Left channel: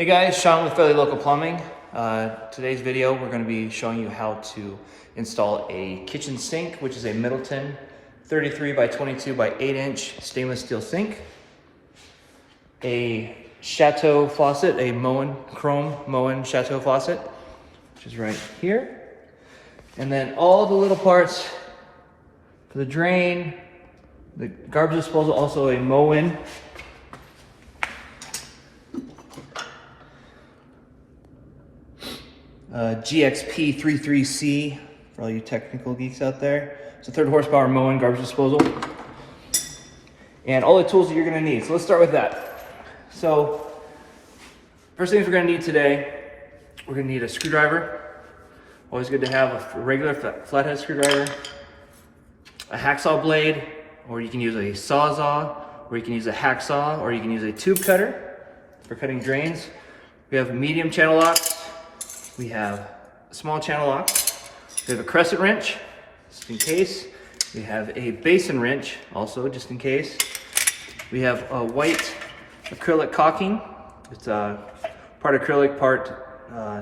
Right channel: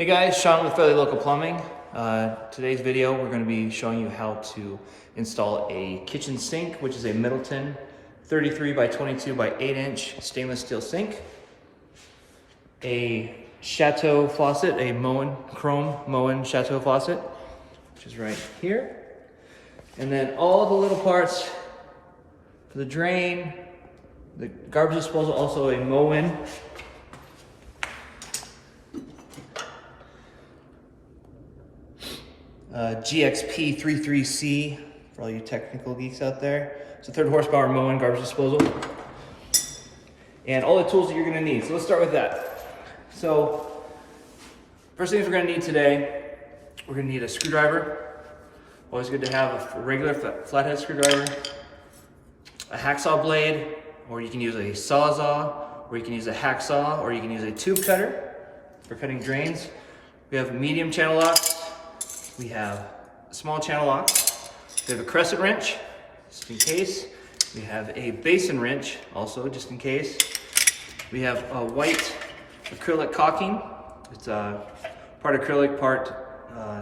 Hey guys, Sean with Fairly Local Plumbing. Today's video, we're going to be showing you how to install a kitchen sink, which is a Middleton 33 by 22 by 8 inch stainless steel sink. A Chateau faucet, a Moen, chrome Moen Chateau faucet, which is right here. And then all the little parts for the drain, the garbage disposal, also a Moen. GXP33C for all you technical geeks out there. It's a 3rd horsepower Moen garbage disposal. And all the tools that you're gonna need. So let's start with that. So first things we're gonna need today, we're gonna need a screwdriver. Always good to have a regular flathead screwdriver, a hacksaw blade, or you can use a sawzall, or you can use a hacksaw, or you can use a tube cutter for cutting drains. We have medium channel locks. We have small channel locks. We have a crescent wrench, just in case. We have a basin wrench, also just in case. We have a white acrylic caulking. It's part acrylic, part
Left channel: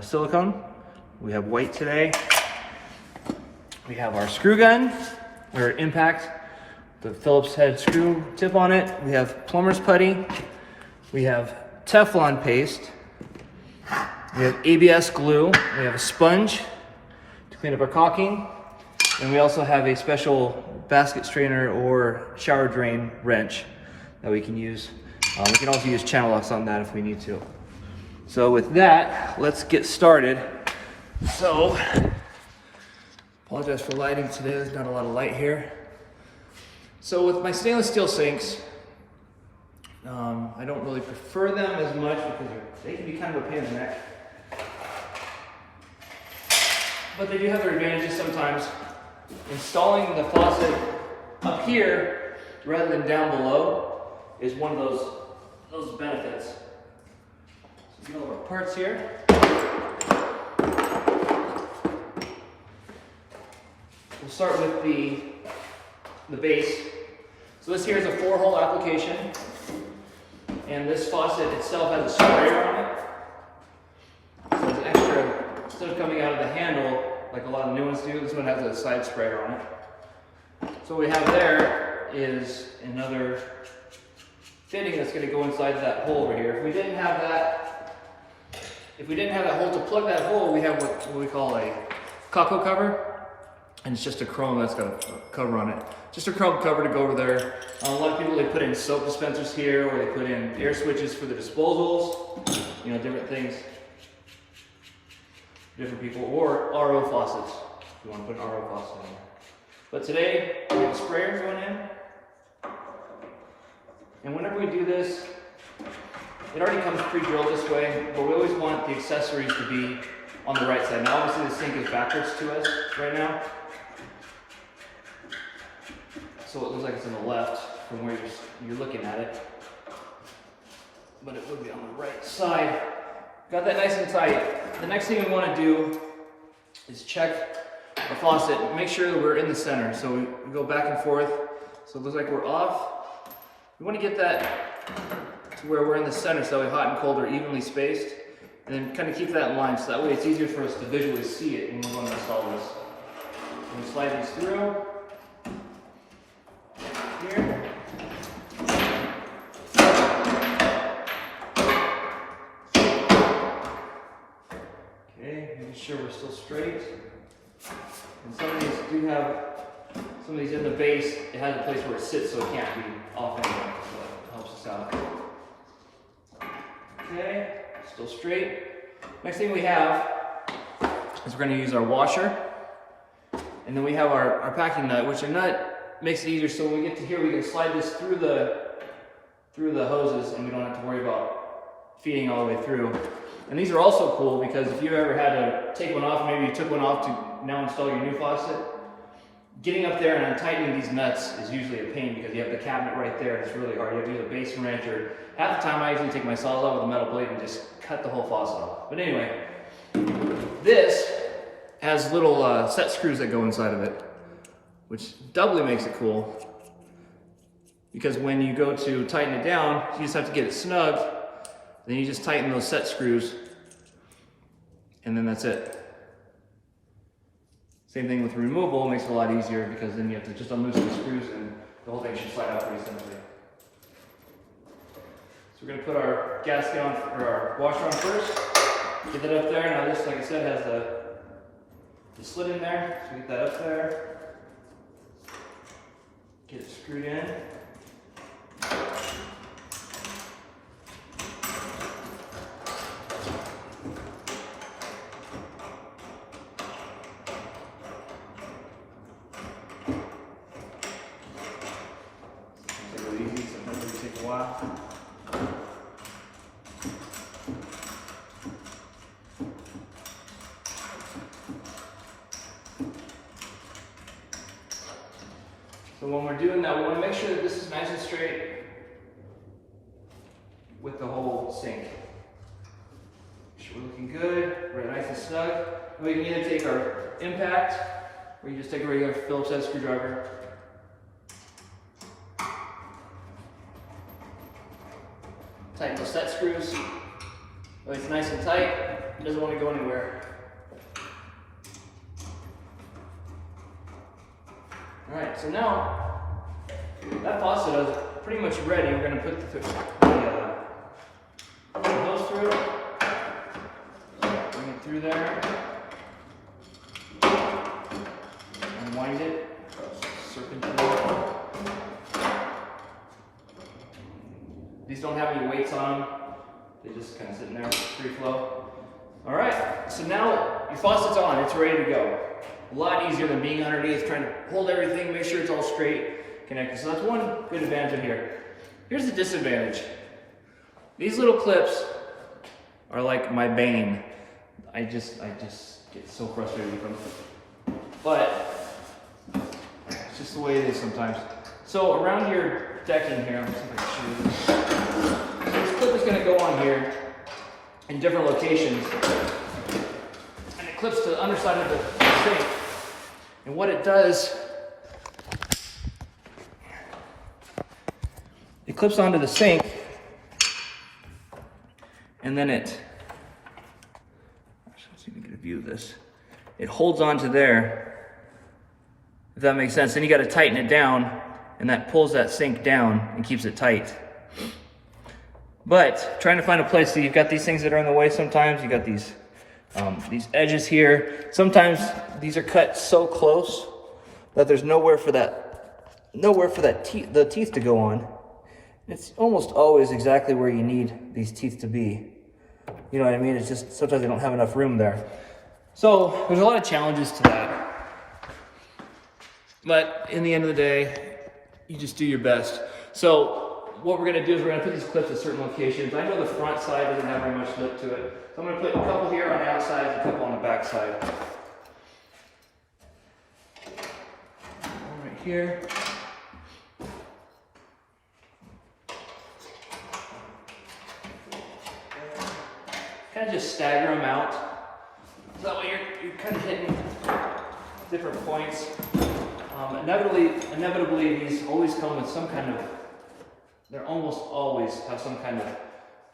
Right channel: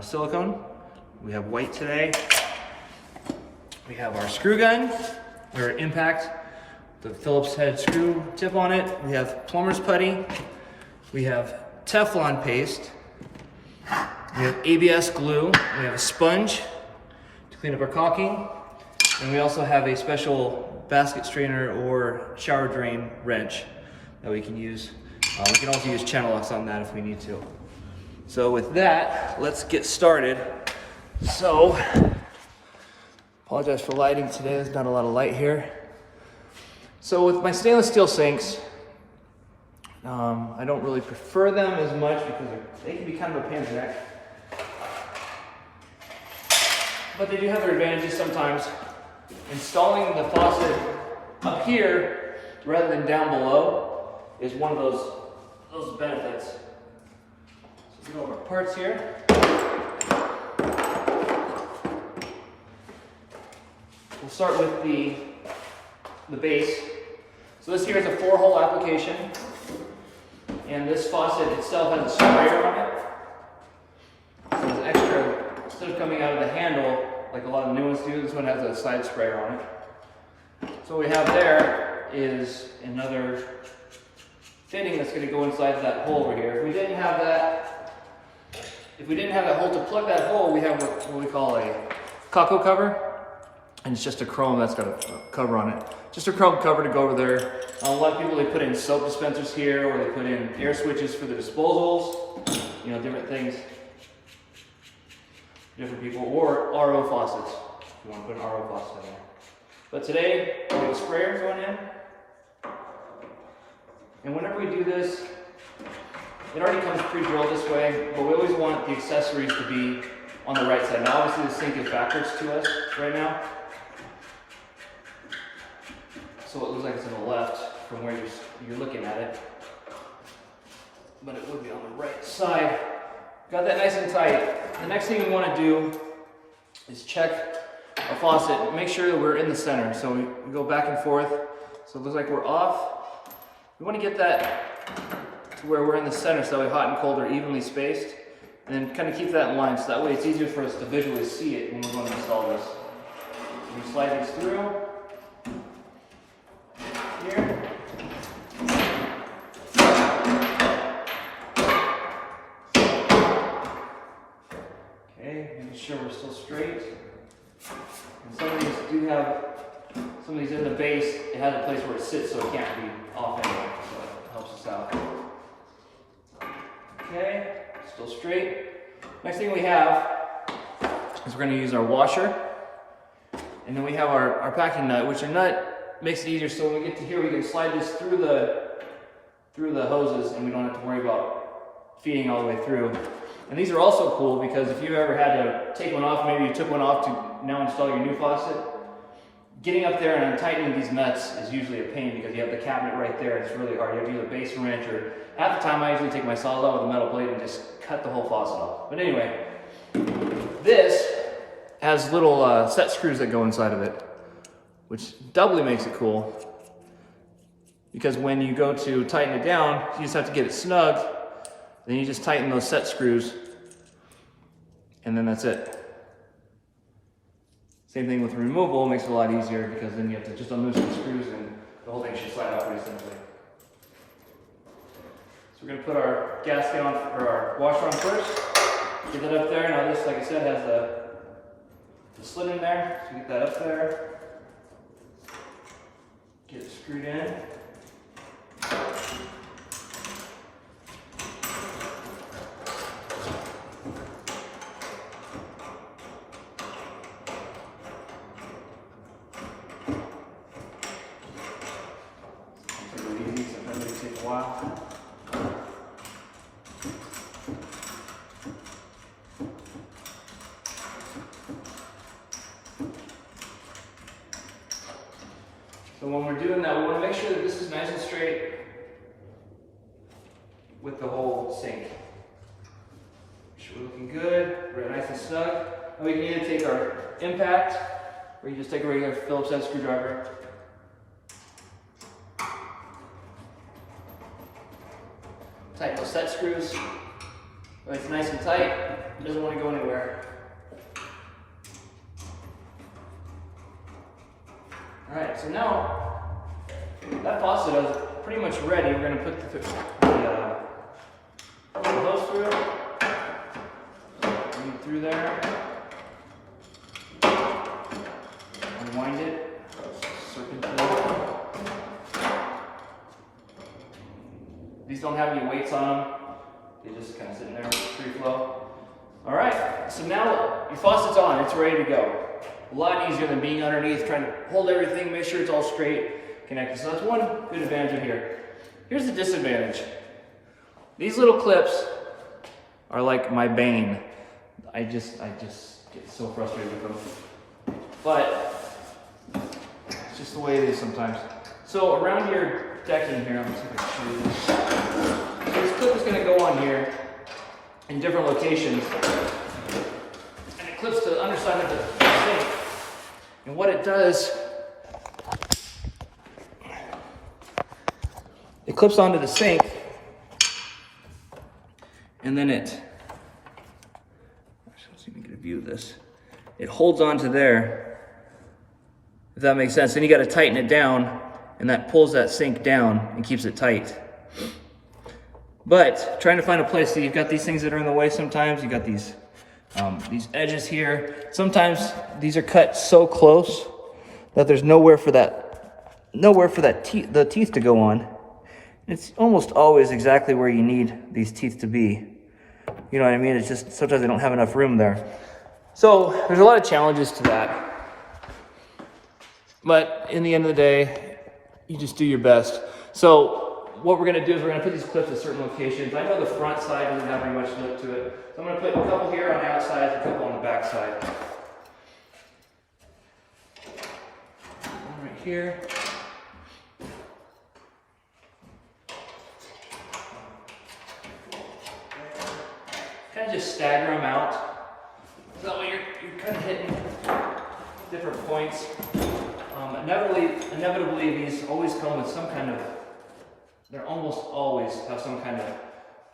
silicone. We have white today. We have our screw gun, or impact, the Phillips head screw tip on it. We have plumber's putty. We have Teflon paste. We have ABS glue, we have a sponge to clean up our caulking, and we also have a special basket strainer or shower drain wrench that we can use. We can also use channel locks on that if we need to. So with that, let's get started. So, apologize for lighting today, there's not a lot of light here. So with my stainless steel sinks, I don't really prefer them as much because they can be kind of a pain in the neck. But they do have their advantages sometimes. Installing the faucet up here rather than down below is one of those benefits. So we go over our parts here. We'll start with the base. So this here is a 4-hole application. And this faucet itself has a sprayer on it. So there's an extra, instead of coming out of the handle, like a lot of new ones do, this one has a side sprayer on it. So what we have there is another fitting that's going to go inside that hole over here. If we didn't have that hole to plug that hole, we have what we call a Coco cover. And it's just a chrome that's got a cover on it. Just a chrome cover to go over there. A lot of people, they put in soap dispensers here, or they put in air switches for the disposals, you know, different things. Different people, or RO faucets, if you want to put an RO faucet in there. But today, we have a sprayer going in. And whenever we do this, it already comes pre-drilled this way, but we always want the accessories to be on the right side. Now obviously the sink is backwards to us right now. So it looks like it's on the left from where you're looking at it. But it would be on the right side. Got that nice and tight. The next thing we want to do is check our faucet and make sure that we're in the center. So we go back and forth. So it looks like we're off. We want to get that to where we're in the center so that way hot and cold are evenly spaced. And then kind of keep that in line so that way it's easier for us to visually see it when we're going to install this. We slide these through. Here. Okay, making sure we're still straight. And some of these do have, some of these in the base, it has a place where it sits so it can't be off anymore, so it helps us out. Okay, still straight. Next thing we have is we're going to use our washer. And then we have our packing nut, which our nut makes it easier, so when we get to here, we can slide this through the hoses, and we don't have to worry about feeding all the way through. And these are also cool because if you ever had to take one off, maybe you took one off to now install your new faucet, getting up there and untightening these nuts is usually a pain because you have the cabinet right there, and it's really hard. You have to use a basin wrench, or half the time I usually take my sawzall with a metal blade and just cut the whole faucet off. But anyway, this has little set screws that go inside of it, which doubly makes it cool. Because when you go to tighten it down, you just have to get it snug, Then you just tighten those set screws, and then that's it. Same thing with removal, makes it a lot easier because then you have to just unloosen the screws and the whole thing should slide out pretty simply. So we're going to put our gasket on, or our washer on first. Get that up there. Now this, like I said, has the slit in there. So get that up there. Get it screwed in. Sometimes it takes a while. So when we're doing that, we want to make sure that this is nice and straight with the whole sink. Make sure we're looking good, we're nice and snug. And we can either take our impact, or you just take a regular Phillips head screwdriver. Tighten those set screws. So it's nice and tight, it doesn't want to go anywhere. Alright, so now that faucet is pretty much ready. We're going to put the hose through, bring it through there, unwind it, serpentine. These don't have any weights on them. They just kind of sit in there with free flow. All right, so now your faucet's on, it's ready to go. A lot easier than being underneath, trying to hold everything, make sure it's all straight, connected. So that's one good advantage of here. Here's the disadvantage. These little clips are like my bane. I just get so frustrated with them. But it's just the way it is sometimes. So around your decking here, let me see if I can show you this. So this clip is going to go on here in different locations. And it clips to the underside of the sink. And what it does, it clips onto the sink, and then let's see if we can get a view of this. It holds onto there, if that makes sense. Then you got to tighten it down, and that pulls that sink down and keeps it tight. But trying to find a place, so you've got these things that are in the way sometimes. You got these edges here. Sometimes these are cut so close that there's nowhere for the teeth to go on. It's almost always exactly where you need these teeth to be. You know what I mean? It's just sometimes they don't have enough room there. So there's a lot of challenges to that. But in the end of the day, you just do your best. So what we're going to do is we're going to put these clips at certain locations. I know the front side doesn't have very much lip to it. So I'm going to put a couple here on the outside, a couple on the back side. One right here. Kind of just stagger them out. So that way you're kind of hitting different points. Inevitably, these always come with some kind of, they almost always have some kind of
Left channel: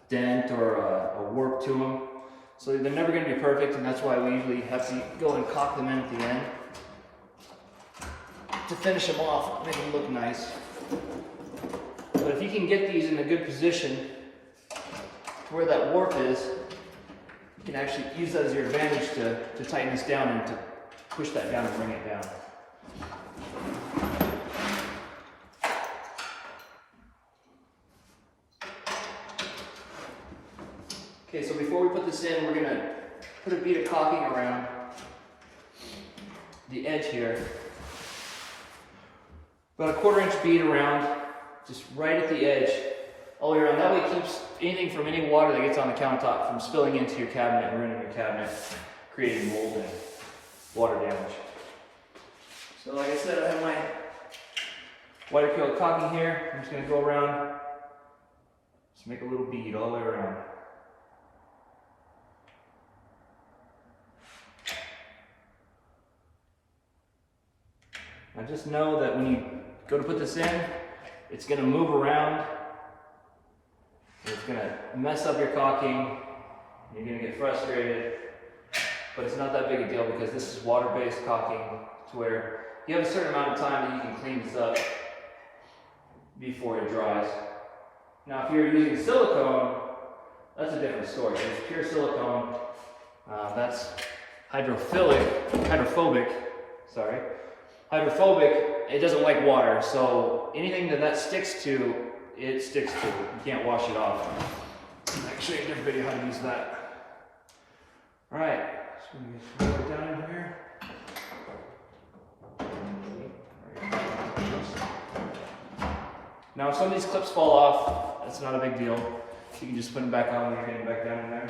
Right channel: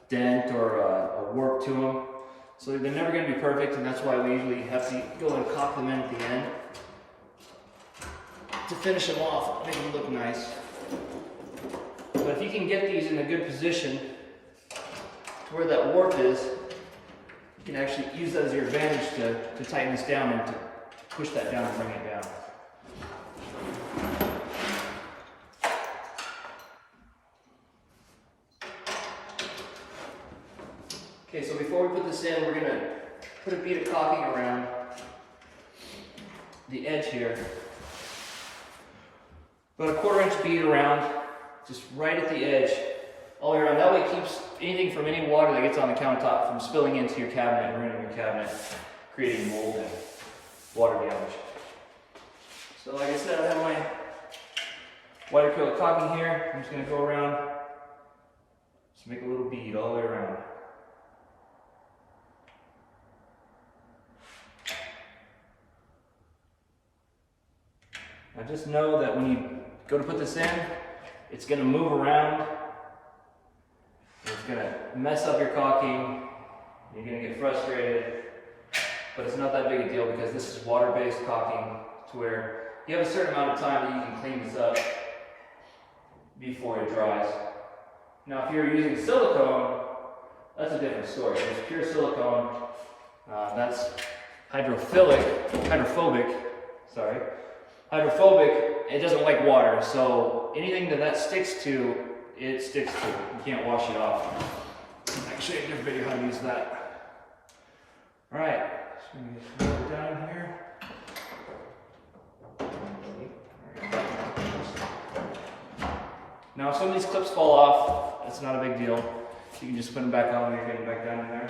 dent or a warp to them. So they're never going to be perfect, and that's why we usually have to go and caulk them in at the end to finish them off, make them look nice. But if you can get these in a good position to where that warp is, you can actually use that as your advantage to tighten this down and to push that down and bring it down. Okay, so before we put this in, we're going to put a bead of caulking around the edge here. About a 1/4 inch bead around, just right at the edge, all the way around. That way it keeps anything from any water that gets on the countertop from spilling into your cabinet and ruining your cabinet, creating mold and water damage. So like I said, I have my white acrylic caulking here. I'm just going to go around, just make a little bead all the way around. Now just know that when you go to put this in, it's going to move around. If It's gonna mess up your caulking. You're gonna get frustrated, but it's not that big a deal because this is water-based caulking to where you have a certain amount of time that you can clean this up before it dries. Now, if you're using silicone, that's a different story. It's pure silicone. That's hydrophobic. It doesn't like water, so anything that sticks to, it sticks to. You can't wash it off. I'll show you a good video how to use that. All right, so we get down in here. Now, if some of these clips fall off, that's not a big deal. You can just put them back on when you're getting back down in there.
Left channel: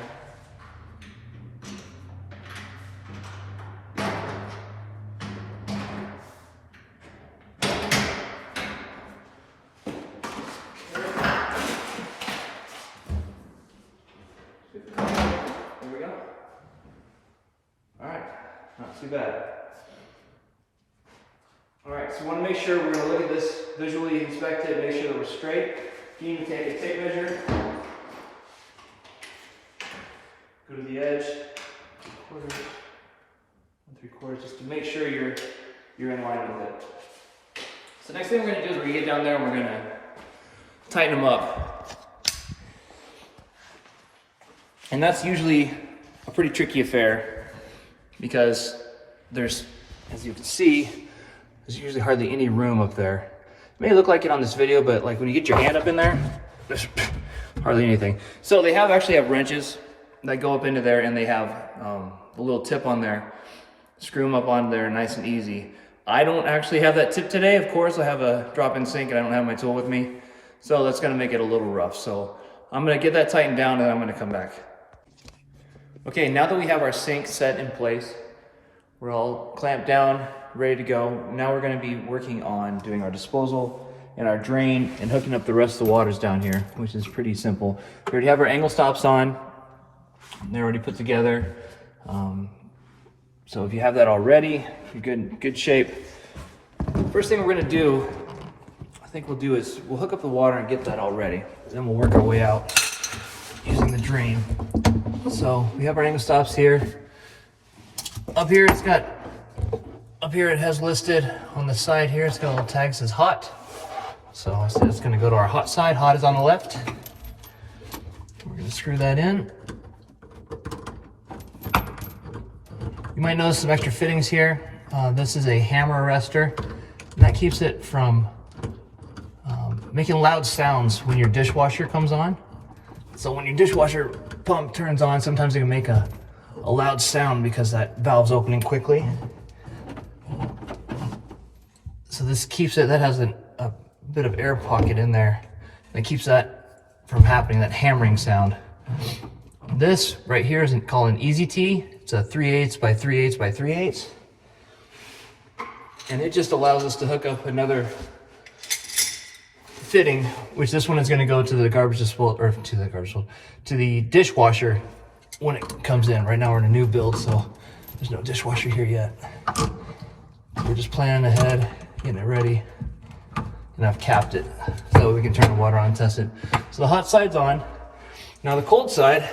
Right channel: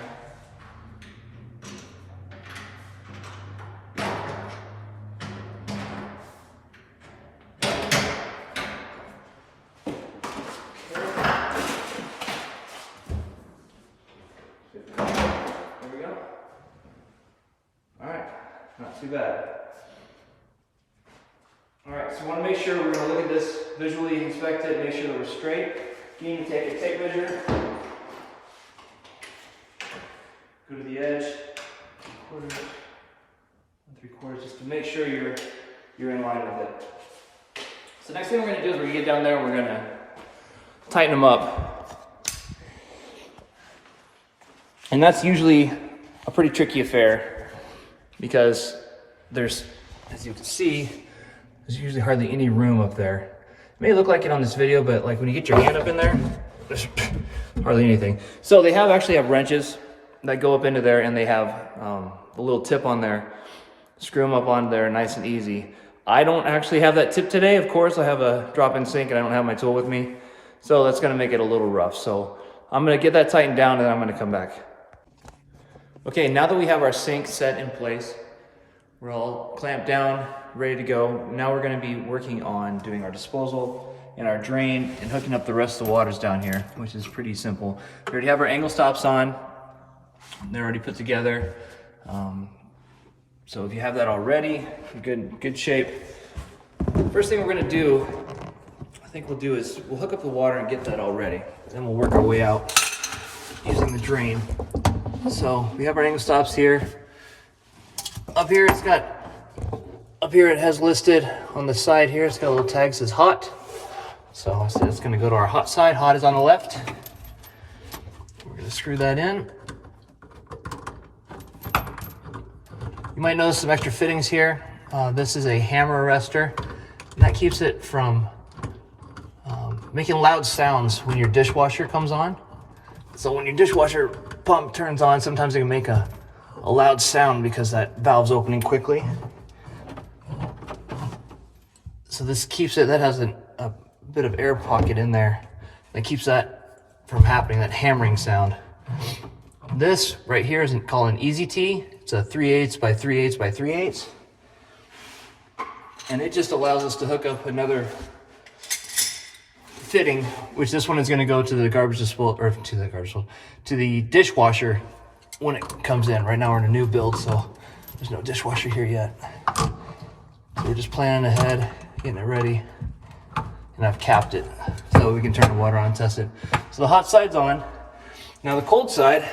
There we go. All right, not too bad. All right, so we want to make sure we're going to look at this, visually inspect it, make sure that we're straight. You need to take a tape measure, go to the edge, 1/4, 3/4, just to make sure you're in line with it. So next thing we're going to do is we're going to get down there and we're going to tighten them up. And that's usually a pretty tricky affair because there's, as you can see, there's usually hardly any room up there. It may look like it on this video, but like when you get your hand up in there, there's hardly anything. So they actually have wrenches that go up into there, and they have a little tip on there. Screw them up on there nice and easy. I don't actually have that tip today. Of course, I have a drop-in sink and I don't have my tool with me. So that's gonna make it a little rough. So I'm gonna get that tightened down and then I'm gonna come back. Okay, now that we have our sink set in place, we're all clamped down, ready to go. Now we're gonna be working on doing our disposal and our drain and hooking up the rest of the waters down here, which is pretty simple. We already have our angle stops on. They're already put together. So if you have that already, you're good shape. First thing we're gonna do, I think we'll do is we'll hook up the water and get that all ready. Then we'll work our way out using the drain. So we have our angle stops here. Up here it has listed on the side here, it's got a little tag that says hot. So it's gonna go to our hot side. Hot is on the left. We're gonna screw that in. You might notice some extra fittings here. This is a hammer arrestor, and that keeps it from making loud sounds when your dishwasher comes on. So when your dishwasher pump turns on, sometimes it can make a loud sound because that valve's opening quickly. So this keeps it, that has a bit of air pocket in there. That keeps that from happening, that hammering sound. This right here is called an Easy T. It's a 3/8 by 3/8 by 3/8. And it just allows us to hook up another fitting, which this one is going to go to the garbage disposal, or to the dishwasher when it comes in. Right now we're in a new build, so there's no dishwasher here yet. So we're just planning ahead, getting it ready, and I've capped it so we can turn the water on and test it. So the hot side's on. Now the cold side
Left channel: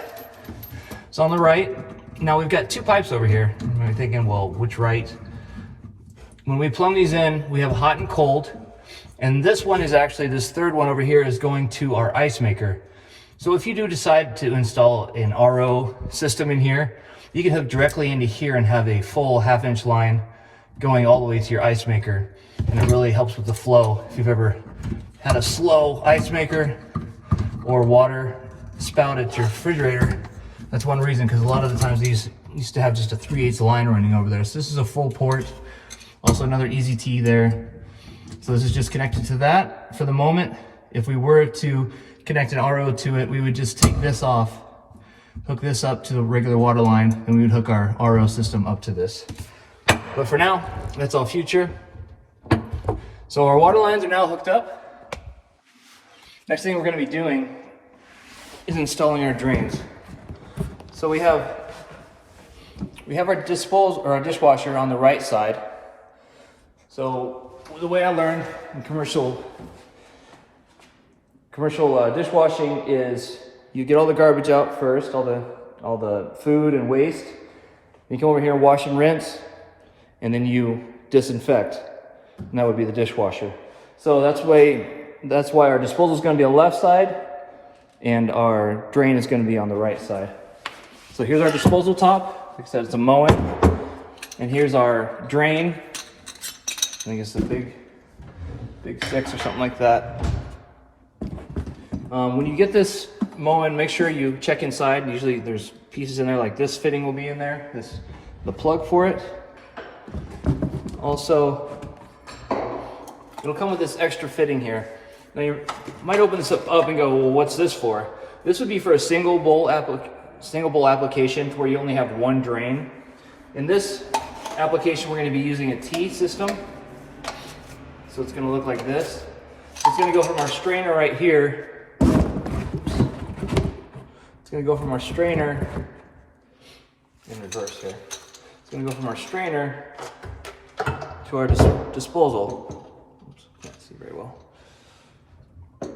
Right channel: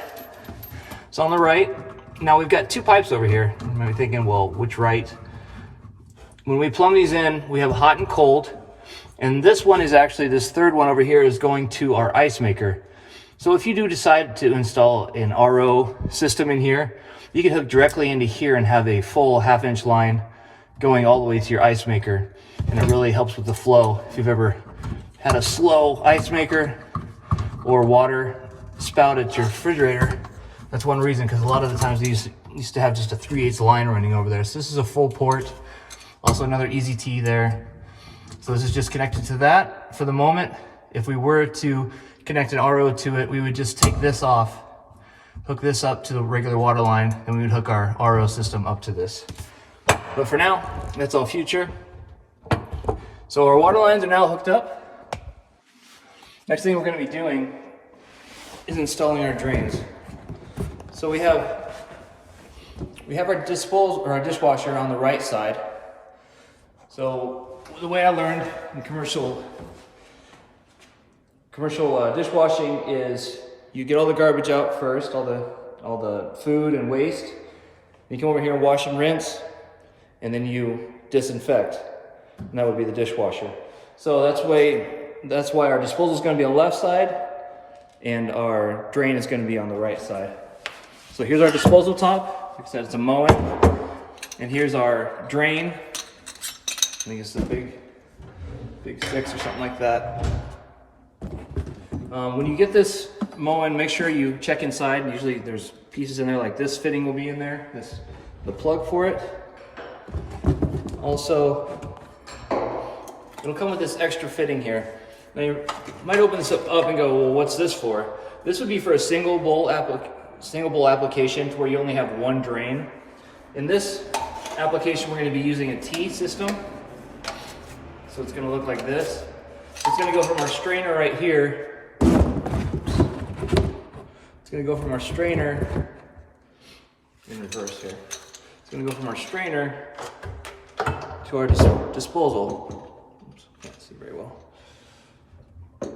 is on the right. Now we've got two pipes over here. You might be thinking, well, which right? When we plumb these in, we have hot and cold. And this one is actually, this third one over here is going to our ice maker. So if you do decide to install an RO system in here, you can hook directly into here and have a full 1/2-inch line going all the way to your ice maker. And it really helps with the flow. If you've ever had a slow ice maker or water spout at your refrigerator, that's one reason, because a lot of the times these used to have just a 3/8 line running over there. So this is a full port. Also another Easy T there. So this is just connected to that for the moment. If we were to connect an RO to it, we would just take this off, hook this up to the regular water line, and we would hook our RO system up to this. But for now, that's all future. So our water lines are now hooked up. Next thing we're going to be doing is installing our drains. So we have our disposal, or our dishwasher on the right side. So the way I learned in commercial dishwashing is you get all the garbage out first, all the food and waste. You come over here and wash and rinse, and then you disinfect. And that would be the dishwasher. So that's why our disposal is going to be on the left side, and our drain is going to be on the right side. So here's our disposal top. Like I said, it's a Moen. And here's our drain. I think it's the big 6 or something like that. When you get this Moen, make sure you check inside. Usually there's pieces in there like this fitting will be in there. The plug for it. Also, it'll come with this extra fitting here. Now you might open this up and go, well, what's this for? This would be for a single bowl application where you only have one drain. In this application, we're going to be using a T system. So it's going to look like this. It's going to go from our strainer right here. It's going to go from our strainer in reverse here. It's going to go from our strainer to our disposal. Oops, can't see very well. If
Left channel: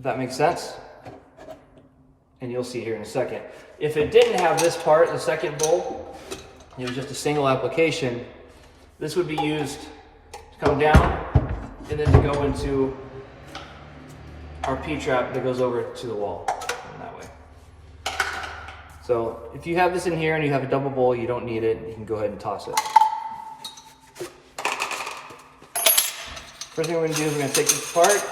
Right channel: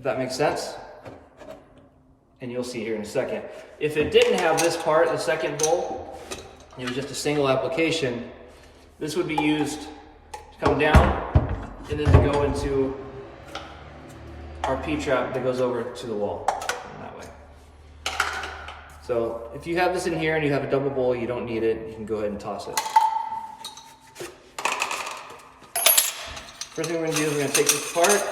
that makes sense. And you'll see here in a second. If it didn't have this part, the second bowl, it was just a single application, this would be used to come down and then to go into our P-trap that goes over to the wall in that way. So if you have this in here and you have a double bowl, you don't need it, you can go ahead and toss it. First thing we're going to do is we're going to take this apart,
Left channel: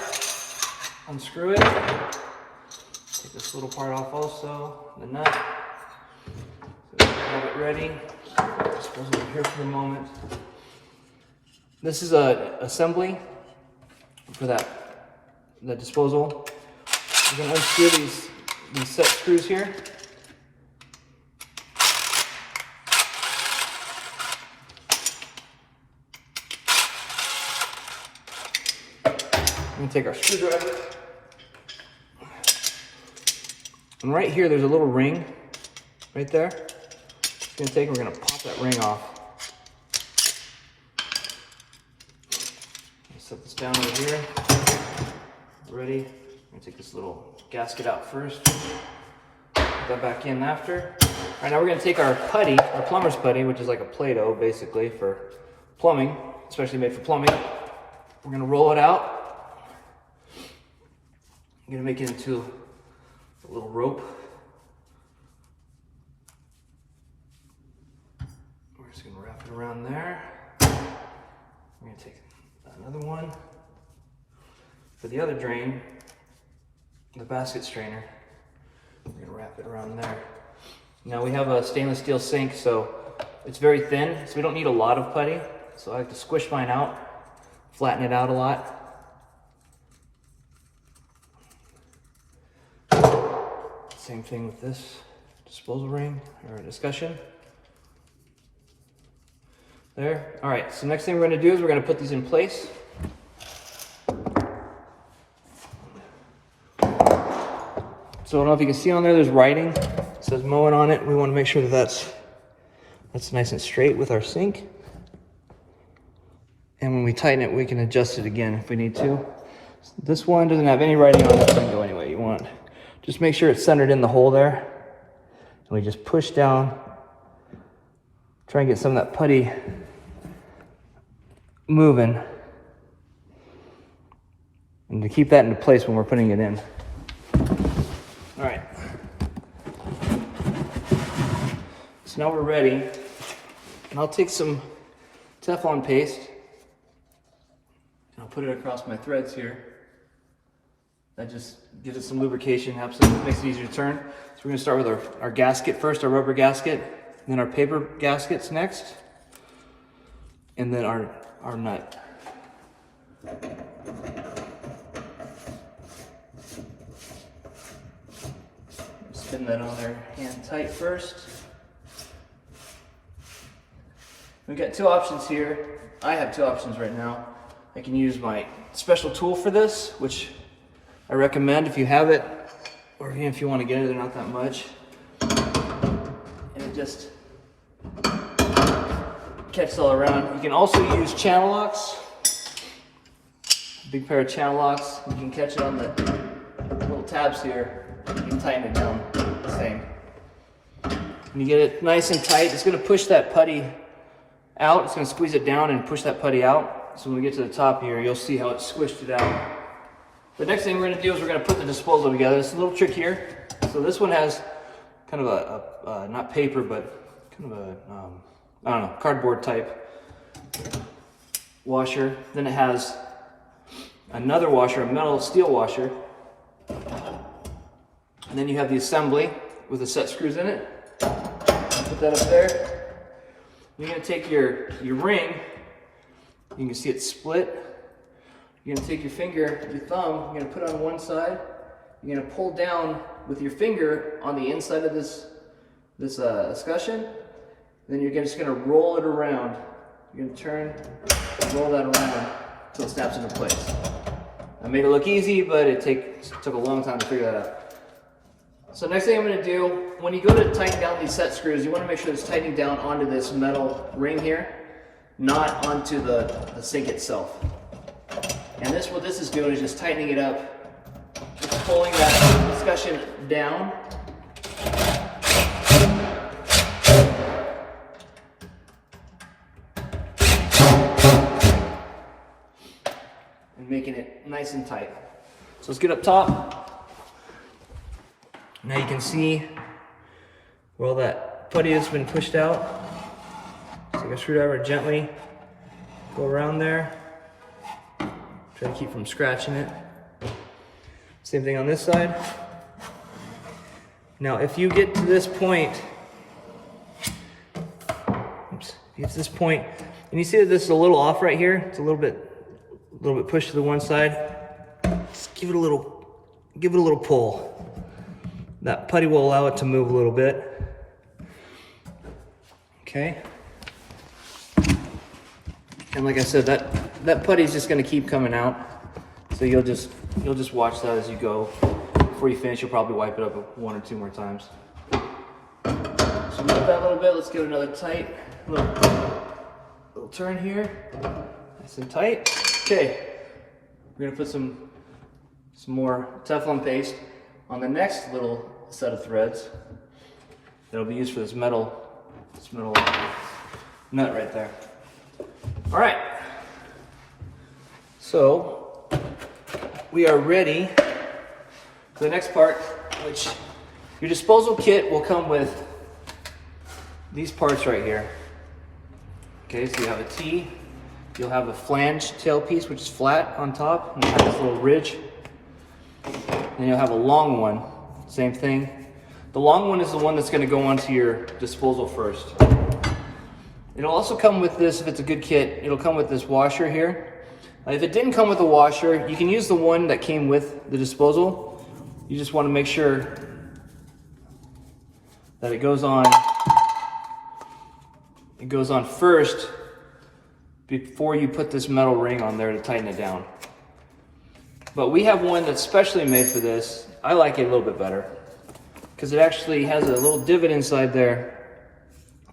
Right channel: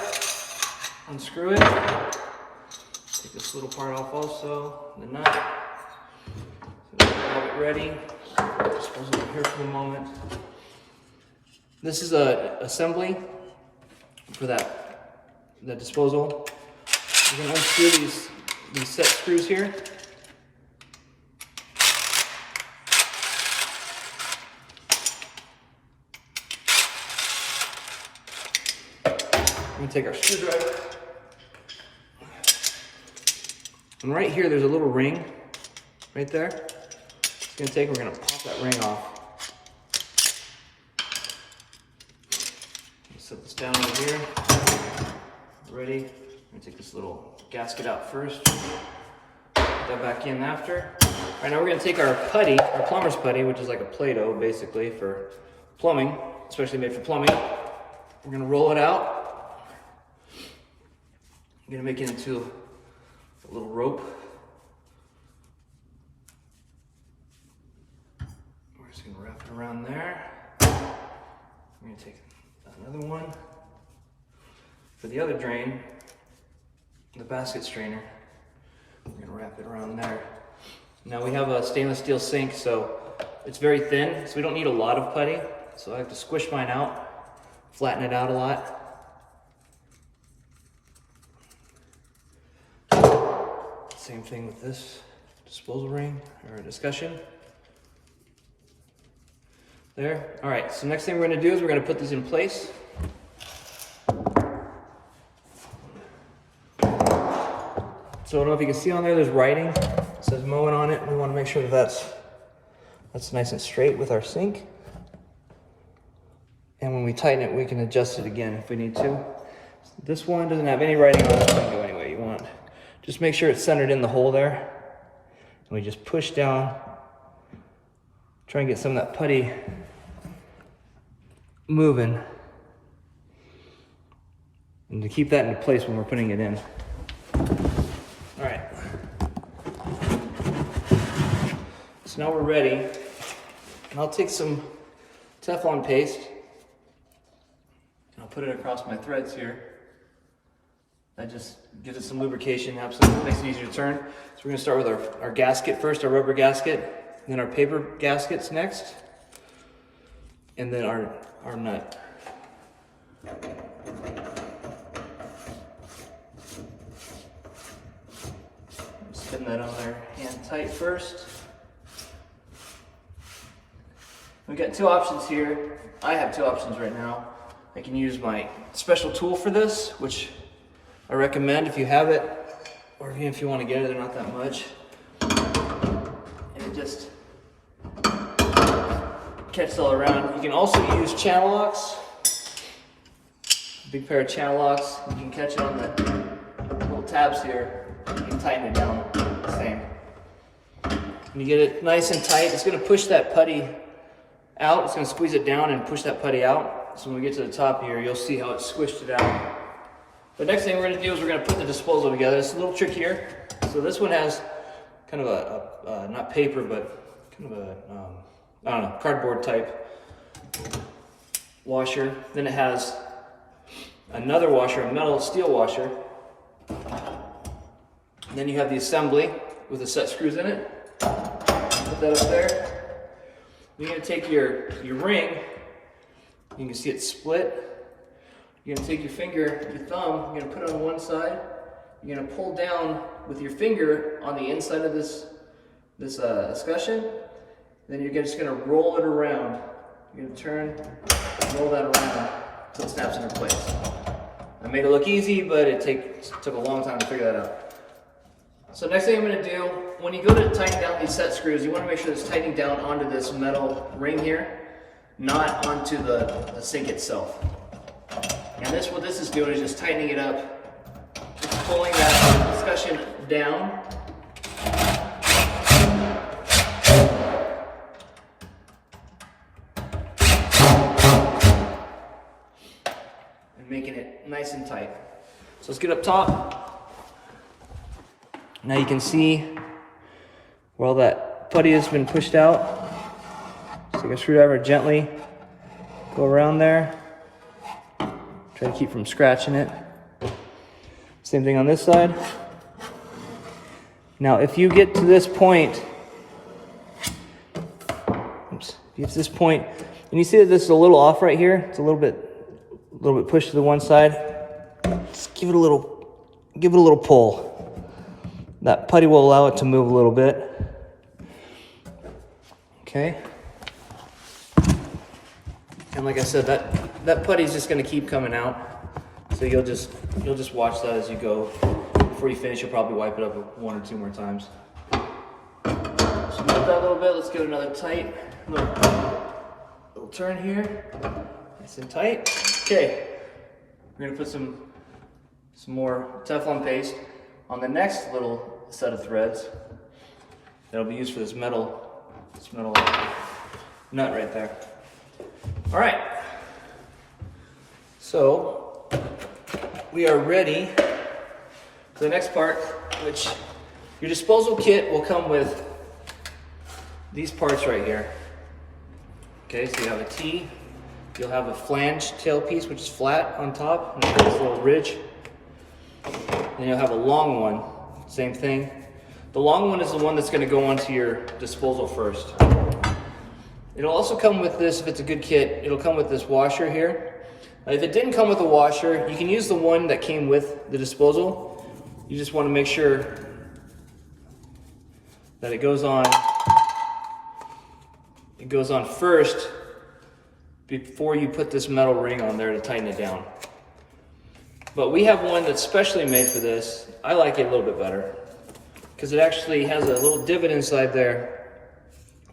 unscrew it, take this little part off also, the nut. So we have it ready. Dispose over here for the moment. This is a assembly for the disposal. We're going to unscrew these set screws here. I'm going to take our screwdriver. And right here, there's a little ring right there. We're going to pop that ring off. Set this down over here. Ready. I'm going to take this little gasket out first. Put that back in after. All right, now we're going to take our putty, our plumber's putty, which is like a Play-Doh basically for plumbing, especially made for plumbing. We're going to roll it out. I'm going to make it into a little rope. We're just going to wrap it around there. I'm going to take another one. For the other drain, the basket strainer, we're going to wrap it around there. Now we have a stainless steel sink, so it's very thin, so we don't need a lot of putty. So I like to squish mine out, flatten it out a lot. Same thing with this disposal ring or discussion. There. All right, so next thing we're going to do is we're going to put these in place. So I don't know if you can see on there, there's writing. It says Moen on it. We want to make sure that that's nice and straight with our sink. And when we tighten it, we can adjust it again if we need to. This one doesn't have any writing on it, so you can go any way you want. Just make sure it's centered in the hole there. And we just push down, try and get some of that putty moving. And to keep that into place when we're putting it in. All right. So now we're ready. And I'll take some Teflon paste. And I'll put it across my threads here. That just gives it some lubrication, absolutely makes it easier to turn. So we're gonna start with our gasket first, our rubber gasket, then our paper gaskets next, and then our nut. Spin that on there hand tight first. We've got two options here. I have two options right now. I can use my special tool for this, which I recommend if you have it, or even if you want to get it, they're not that much. And it just catches all around. You can also use channel locks. A big pair of channel locks. You can catch it on the little tabs here. you can tighten it down the same. When you get it nice and tight, it's going to push that putty out. It's going to squeeze it down and push that putty out. So when we get to the top here, you'll see how it squished it out. The next thing we're going to do is we're going to put the disposal together. It's a little trick here. So this one has kind of a not paper, but kind of a, I don't know, cardboard type washer. Then it has another washer, a metal steel washer. And then you have the assembly with the set screws in it. Put that up there. You're going to take your ring. You can see it split. You're going to take your finger, your thumb, you're going to put it on one side. You're going to pull down with your finger on the inside of this escutcheon. Then you're just going to roll it around. You're going to turn, roll that around until it snaps into place. I made it look easy, but it took a long time to figure that out. So next thing I'm going to do, when you go to tighten down these set screws, you want to make sure it's tightening down onto this metal ring here, not onto the sink itself. And what this is doing is just tightening it up, just pulling that escutcheon down. And making it nice and tight. So let's get up top. Now you can see where all that putty has been pushed out. So take a screwdriver, gently go around there. Try to keep from scratching it. Same thing on this side. Now if you get to this point, oops, you get to this point, and you see that this is a little off right here, it's a little bit pushed to the one side, just give it a little pull. That putty will allow it to move a little bit. Okay. And like I said, that putty is just going to keep coming out. So you'll just watch that as you go. Before you finish, you'll probably wipe it up 1 or 2 more times. So move that a little bit. Let's give it another tight little turn here. Nice and tight. Okay. We're going to put some more Teflon paste on the next little set of threads that'll be used for this metal nut right there. All right, so we are ready for the next part, which your disposal kit will come with these parts right here. Okay, so you have a T, you'll have a flange tailpiece, which is flat on top, and it has this little ridge. Then you'll have a long one, same thing. The long one is the one that's going to go onto your disposal first. It'll also come with this, if it's a good kit, it'll come with this washer here. If it didn't come with a washer, you can use the one that came with the disposal. You just want to make sure that it goes on first before you put this metal ring on there to tighten it down. But we have one that's specially made for this. I like it a little bit better because it actually has a little divot inside there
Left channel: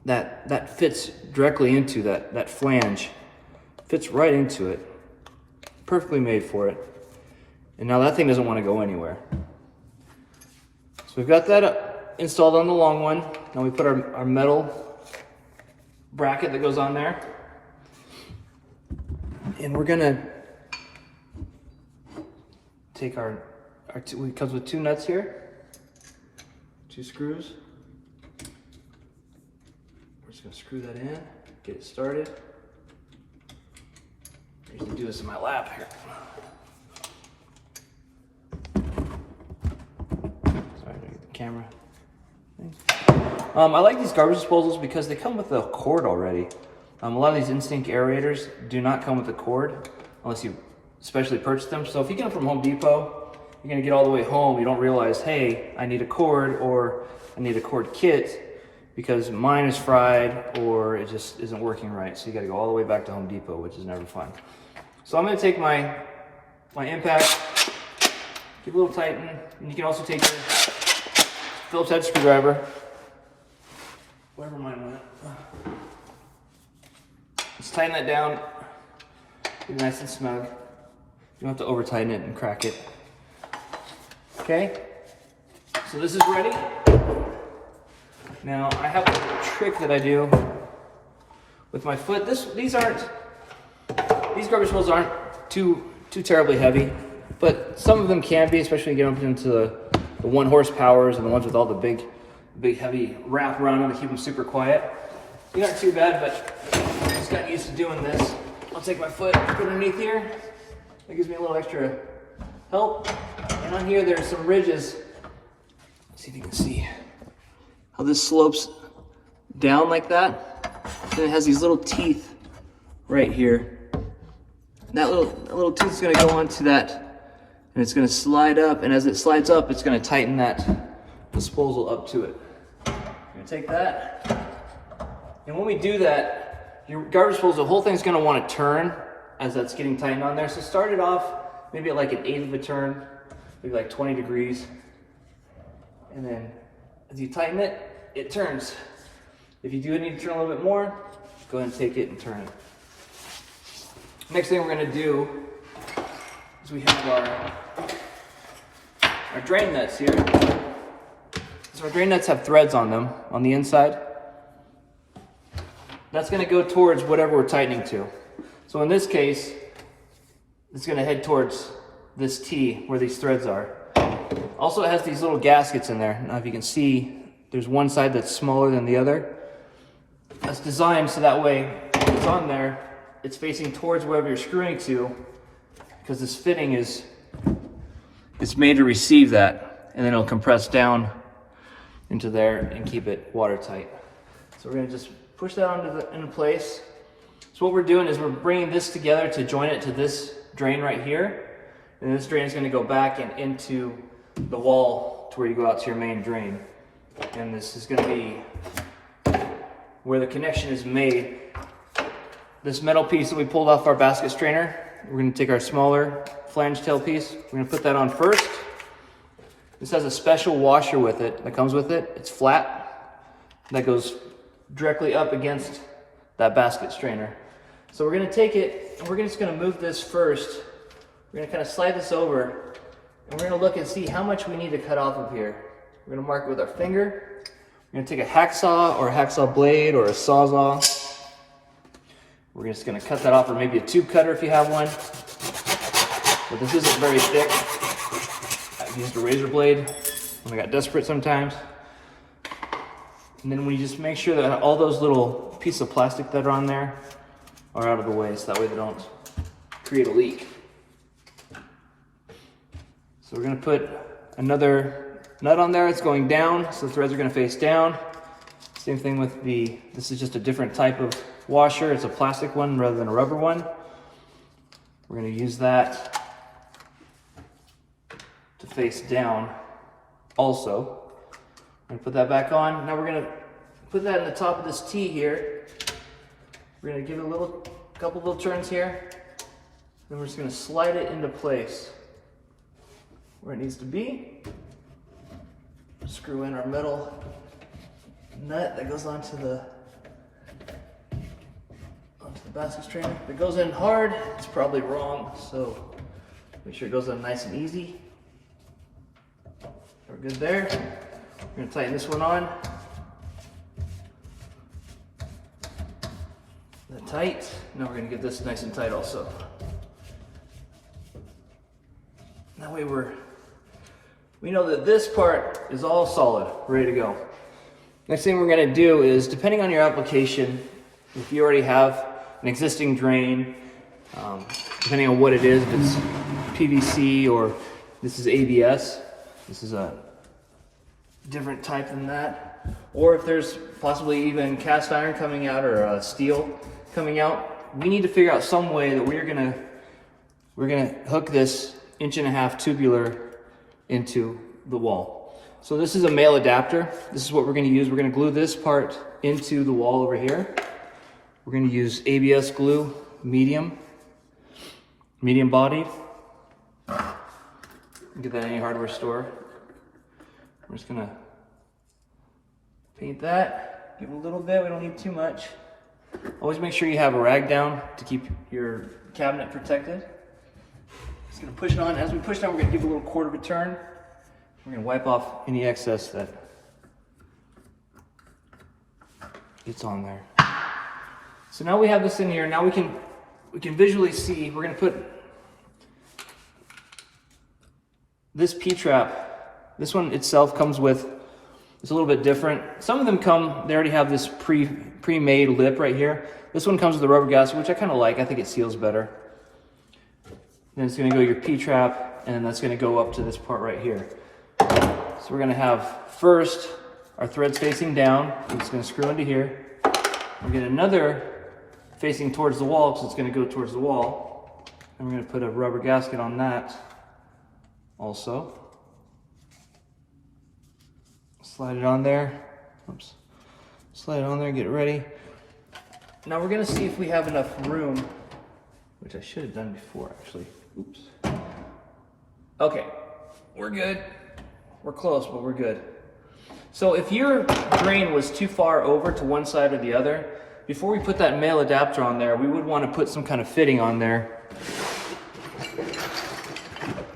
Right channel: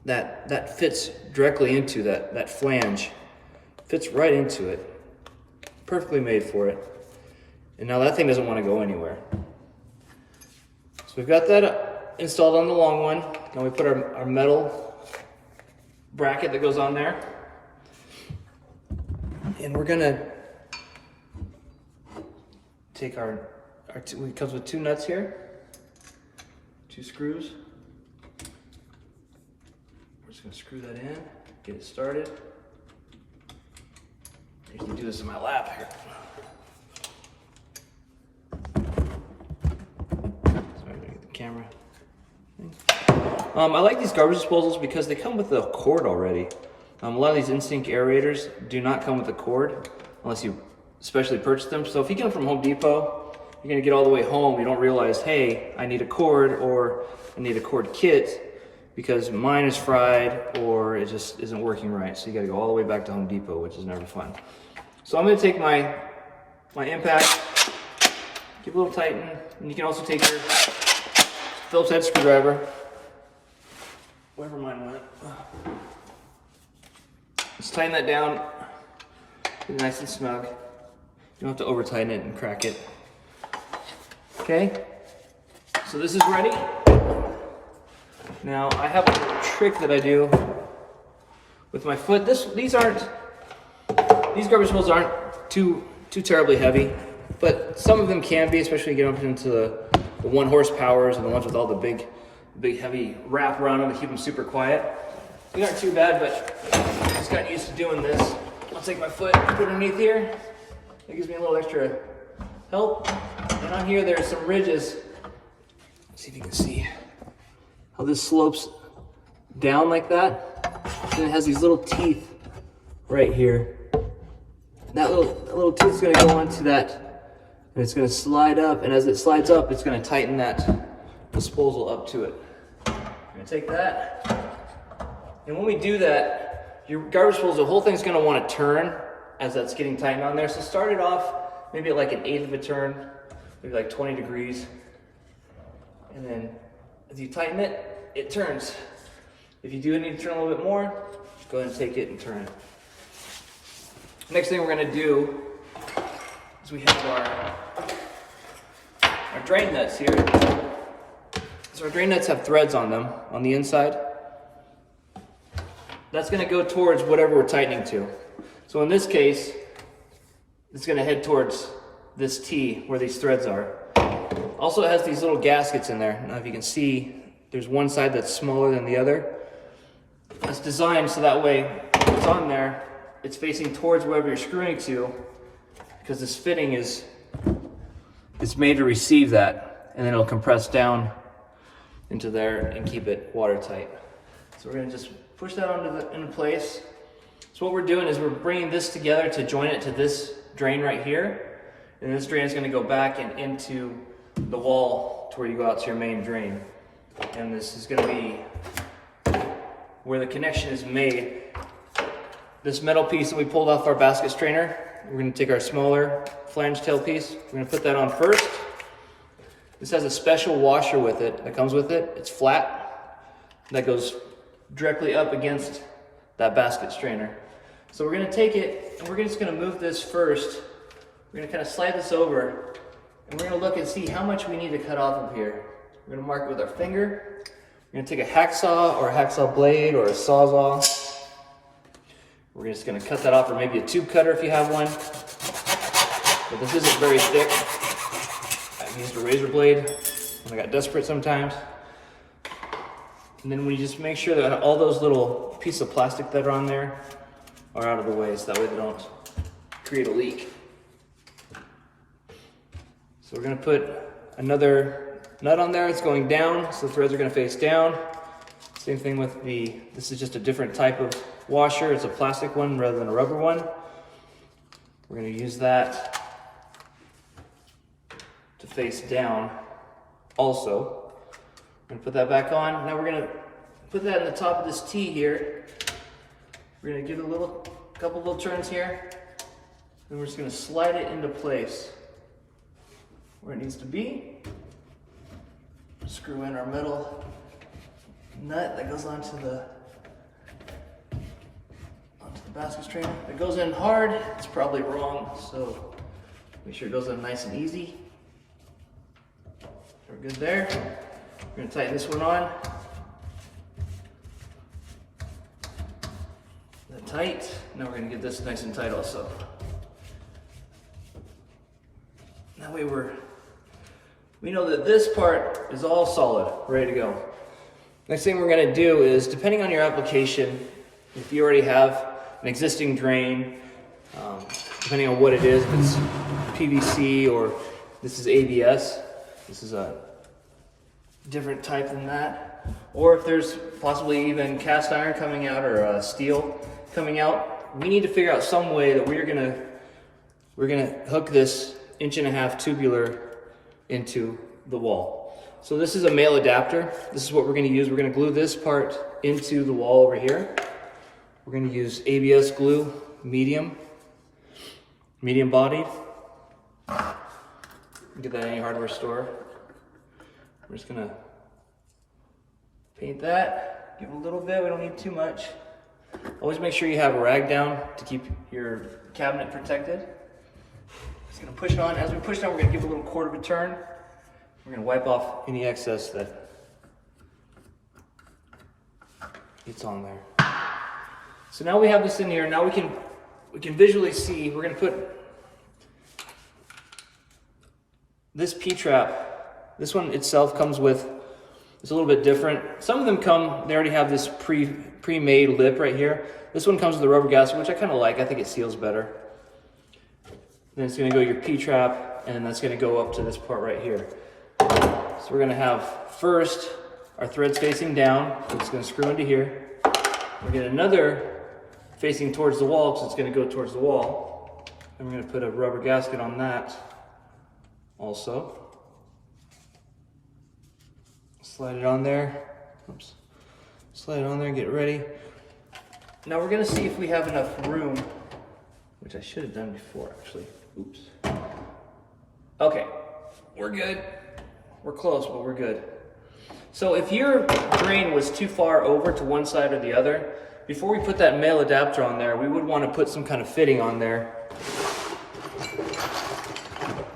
that fits directly into that flange. Fits right into it. Perfectly made for it. And now that thing doesn't want to go anywhere. So we've got that installed on the long one. Now we put our metal bracket that goes on there. And we're gonna take it comes with 2 nuts here, 2 screws. We're just gonna screw that in, get it started. I usually do this in my lap here. Sorry, I'm gonna get the camera. I like these garbage disposals because they come with a cord already. A lot of these Instinct aerators do not come with a cord unless you specially purchase them. So if you get them from Home Depot, you're gonna get all the way home, you don't realize, hey, I need a cord or I need a cord kit because mine is fried or it just isn't working right. So you gotta go all the way back to Home Depot, which is never fun. So I'm gonna take my impact, give a little tighten, and you can also take your Phillips head screwdriver, wherever mine went. Just tighten that down, get it nice and snug. You don't have to over tighten it and crack it. Okay? So this is ready. Now I have a trick that I do with my foot. These garbage disposals aren't too terribly heavy, but some of them can be, especially when you get into the 1 horsepowers and the ones with all the big heavy wrap around them to keep them super quiet. These aren't too bad, but I just got used to doing this. I'll take my foot, put it underneath here. That gives me a little extra help. And on here, there's some ridges. Let's see if you can see how this slopes down like that. And it has these little teeth right here. That little tooth is going to go onto that, and it's going to slide up. And as it slides up, it's going to tighten that disposal up to it. I'm going to take that. And when we do that, your garbage disposal, the whole thing's going to want to turn as that's getting tightened on there. So start it off maybe at like an 1/8 of a turn, maybe like 20 degrees. And then as you tighten it, it turns. If you do need to turn a little bit more, go ahead and take it and turn it. Next thing we're going to do is we have our drain nuts here. So our drain nuts have threads on them on the inside. That's going to go towards whatever we're tightening to. So in this case, it's going to head towards this T where these threads are. Also, it has these little gaskets in there. Now if you can see, there's one side that's smaller than the other. That's designed so that way when it's on there, it's facing towards wherever you're screwing to, because this fitting it's made to receive that, and then it'll compress down into there and keep it watertight. So we're going to just push that into place. So what we're doing is we're bringing this together to join it to this drain right here, and this drain is going to go back and into the wall to where you go out to your main drain. And this is going to be where the connection is made. This metal piece that we pulled off our basket strainer, we're going to take our smaller flange tail piece, we're going to put that on first. This has a special washer with it that comes with it. It's flat, that goes directly up against that basket strainer. So we're going to take it and we're just going to move this first. We're going to kind of slide this over, and we're going to look and see how much we need to cut off of here. We're going to mark it with our finger. We're going to take a hacksaw or a hacksaw blade or a sawzall. We're just going to cut that off, or maybe a tube cutter if you have one. But this isn't very thick. I've used a razor blade when I got desperate sometimes. And then we just make sure that all those little pieces of plastic that are on there are out of the way, so that way they don't create a leak. So we're going to put another nut on there. It's going down, so the threads are going to face down. Same thing with this is just a different type of washer. It's a plastic one rather than a rubber one. We're going to use that to face down also. I'm going to put that back on. Now we're going to put that in the top of this T here. We're going to give it a couple little turns here. Then we're just going to slide it into place where it needs to be. Screw in our metal nut that goes onto the basket strainer. If it goes in hard, it's probably wrong, so make sure it goes in nice and easy. We're good there. We're going to tighten this one on. That tight. Now we're going to get this nice and tight also. That way we know that this part is all solid, ready to go. Next thing we're going to do is, depending on your application, if you already have an existing drain, depending on what it is, if it's PVC or this is ABS, this is a different type than that, or if there's possibly even cast iron coming out or steel coming out, we need to figure out some way that we're gonna hook this 1.5" tubular into the wall. So this is a male adapter. This is what we're going to use. We're going to glue this part into the wall over here. We're going to use ABS glue, medium bodied. Get that at any hardware store. We're just going to paint that, give a little bit, we don't need too much. Always make sure you have a rag down to keep your cabinet protected. Just going to push it on. As we push it on, we're going to give a little 1/4 of a turn. We're gonna wipe off any excess that gets on there. So now we have this in here. Now we can visually see. We're gonna put this P-trap. This one itself comes with, it's a little bit different. Some of them come, they already have this pre-made lip right here. This one comes with a rubber gasket, which I kind of like. I think it seals better. Then it's gonna go your P-trap, and that's gonna go up to this part right here. So we're gonna have first our threads facing down. So it's gonna screw into here. We're gonna another facing towards the wall, so it's gonna go towards the wall. And we're gonna put a rubber gasket on that also. Slide it on there. Oops. Slide it on there, get it ready. Now we're gonna see if we have enough room, which I should have done before actually. Oops. Okay, we're good. We're close, but we're good. So if your drain was too far over to one side or the other, before we put that male adapter on there, we would want to put some kind of fitting on there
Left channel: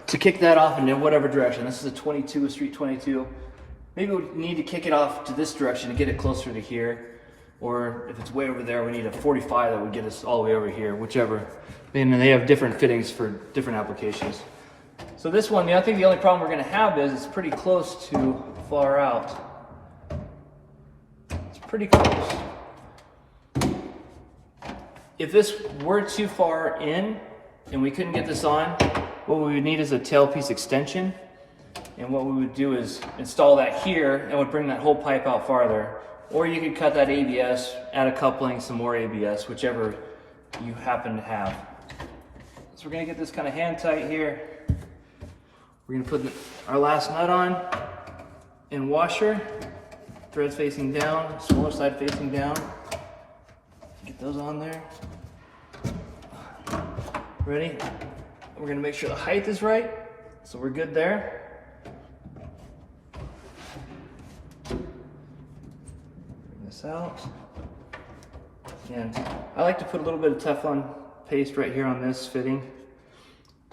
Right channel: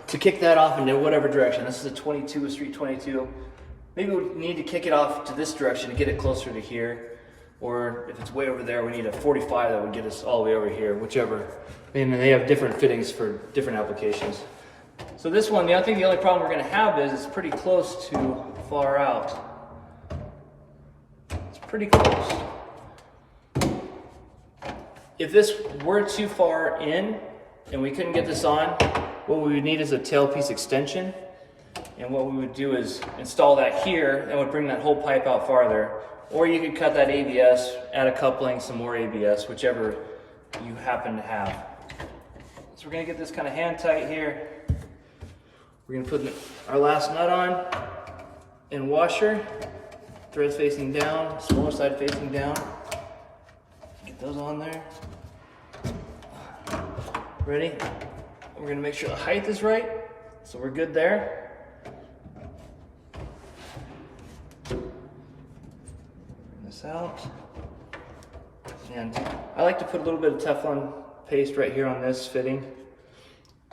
to kick that off into whatever direction. This is a 22, a street 22. Maybe we need to kick it off to this direction to get it closer to here. Or if it's way over there, we need a 45 that would get us all the way over here, whichever. And they have different fittings for different applications. So this one, I think the only problem we're gonna have is it's pretty close to far out. It's pretty close. If this were too far in and we couldn't get this on, what we would need is a tailpiece extension. And what we would do is install that here, and would bring that whole pipe out farther. Or you could cut that ABS, add a coupling, some more ABS, whichever you happen to have. So we're gonna get this kind of hand tight here. We're gonna put our last nut on and washer, threads facing down, smaller side facing down. Get those on there. Ready? We're gonna make sure the height is right, so we're good there. Out, and I like to put a little bit of Teflon paste right here on this fitting.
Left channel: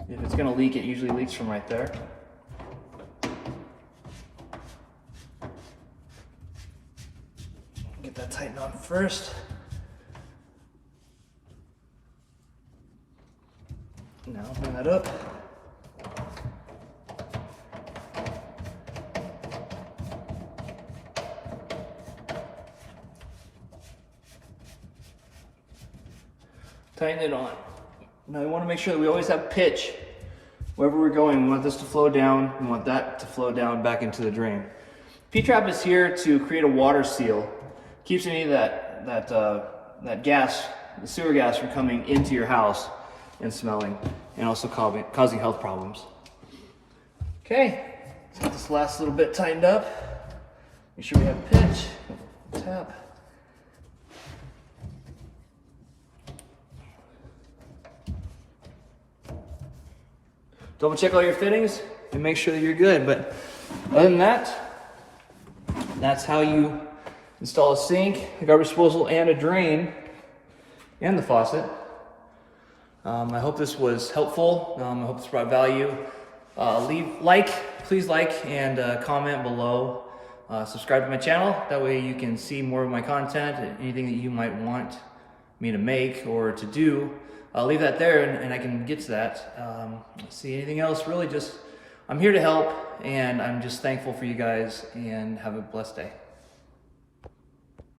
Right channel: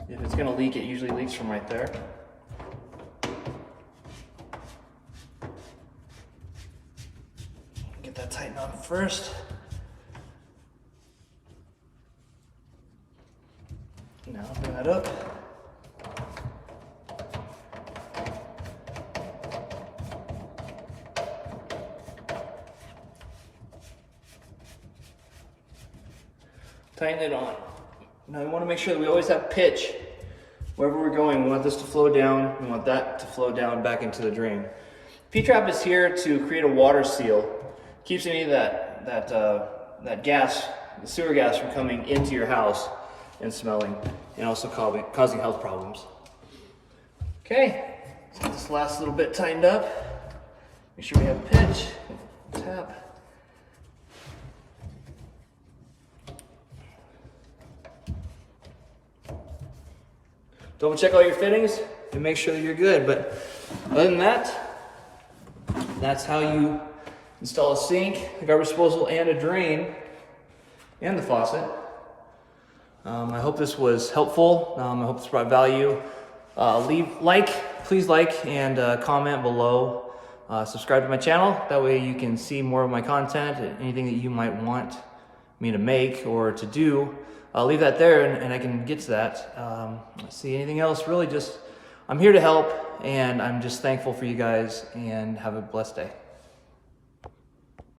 If it's going to leak, it usually leaks from right there. Get that tightened on first. Now bring that up. Tighten it on. Now we want to make sure that we always have pitch. Wherever we're going, we want this to flow down. We want that to flow down back into the drain. P-trap is here to create a water seal. Keeps any of that gas, the sewer gas, from coming into your house and smelling, and also causing health problems. Okay, let's get this last little bit tightened up. Make sure we have pitch. Tap. Double check all your fittings and make sure that you're good. But other than that, that's how you install a sink, a garbage disposal, and a drain, and the faucet. I hope this was helpful. I hope this brought value. Please like and comment below. Subscribe to my channel. That way you can see more of my content, anything that you might want me to make or to do. I'll leave that there and I can get to that. Let's see, anything else? Really just, I'm here to help, and I'm just thankful for you guys, and have a blessed day.